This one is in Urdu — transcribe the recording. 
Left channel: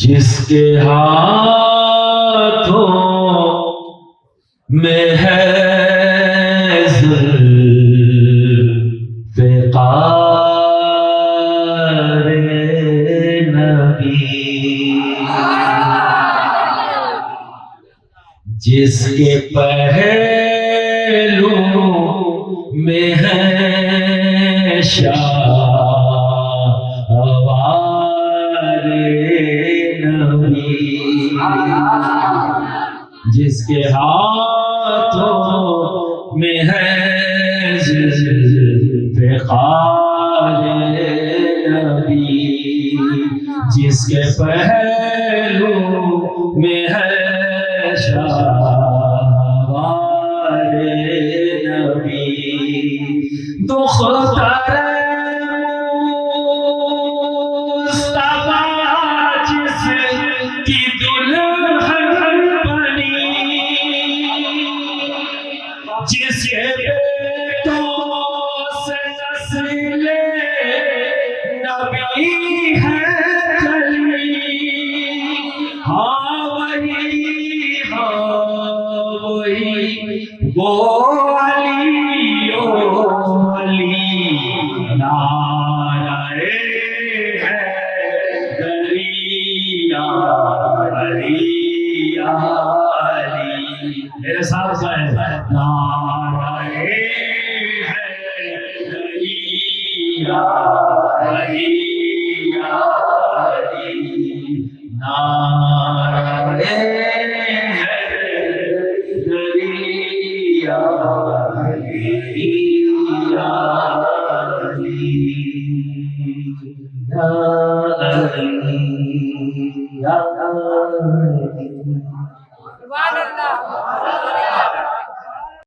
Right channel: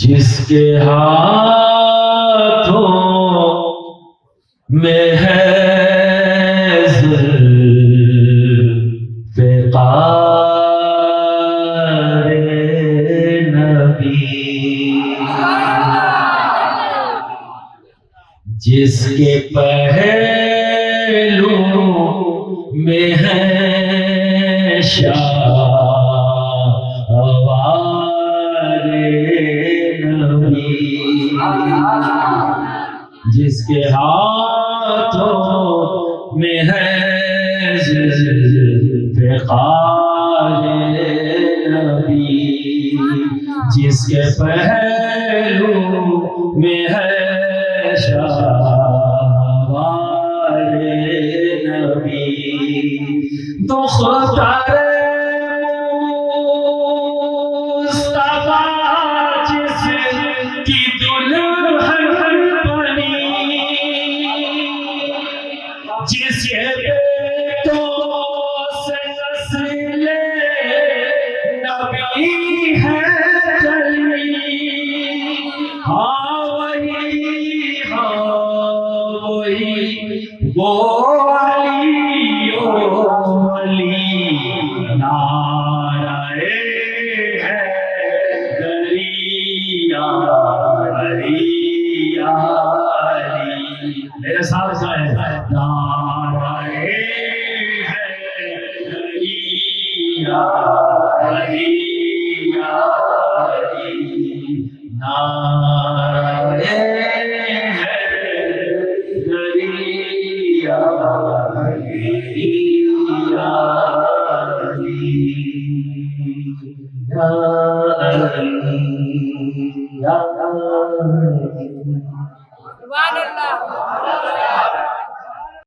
جس کے ہاتھوں میں ہے ذوالفقار نبی، جس کے پہلو میں ہے شاہوار نبی، جس کے ہاتھوں میں ہے ذوالفقار نبی، جس کے پہلو میں ہے شاہوار نبی، دختر مصطفیٰ جس کی دلہن بنی، جس کے بیٹوں سے نسل نبی ہے چلی، ہاں وہی وہ علی و علی، نعرہ حیدری یا علی یا علی، میرے ساتھ جائیں، نعرہ حیدری یا علی یا علی، نعرہ